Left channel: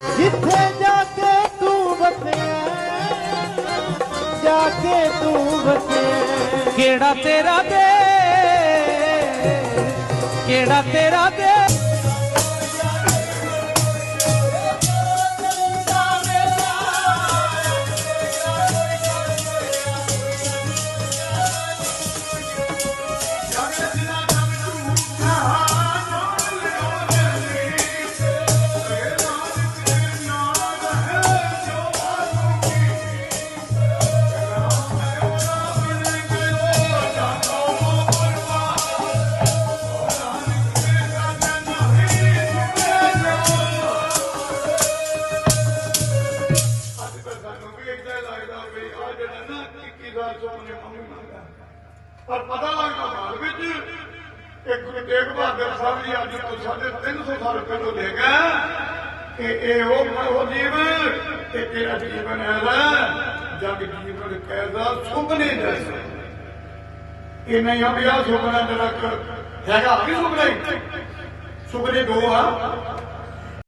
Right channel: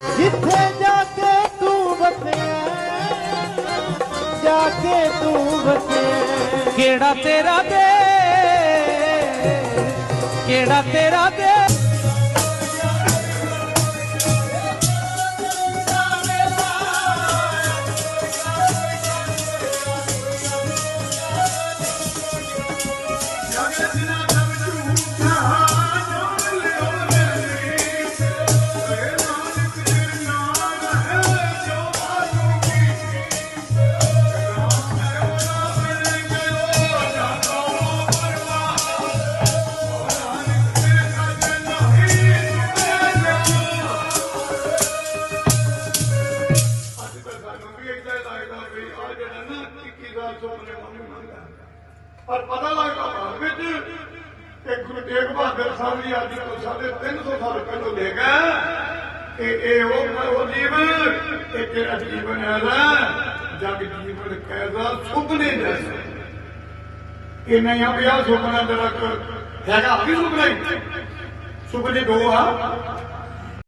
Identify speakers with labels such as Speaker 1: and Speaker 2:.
Speaker 1: ਜਿੱਥੇ ਜਾ ਕੇ ਤੂੰ ਵਸਿਆ, ਜਾ ਕੇ ਤੂੰ ਵਸਿਆ।
Speaker 2: ਕਿਹੜਾ ਤੇਰਾ ਦੇ, ਕਿਹੜਾ ਤੇਰਾ ਦੇ?
Speaker 3: 21 ਸਾਲ ਪਰ ਪਤਾ ਲੱਗਦਾ ਬਾਅਦ ਵਿੱਚ ਕਿ ਗੁਰੂ ਤੇਗ ਬਹਾਦਰ ਸਾਹਿਬ ਜੀ ਅੱਜ ਤੋਂ ਸਾਢੇ 300 ਸਾਲ ਪਹਿਲਾਂ ਲੈ ਗਿਆ ਕਿ ਇਹ ਉਹ ਉਹ ਜੀਵਨ ਤੇ ਤੇਰਾ ਜੀਵਨ ਹੈ ਜਗ ਜੀਵਨ ਕਹਿਦਾ ਸੁਪਨੇ ਜੈਸੇ ਇਹ ਨਹੀਂ ਆ ਵੀ ਆਹ ਸੁਪਨਾ ਮੇਰਾ ਹੈਗਾ ਵੀ ਸੁਪਨਾ ਹੀ। ਸੁਪਨੇ ਦੋ ਆ।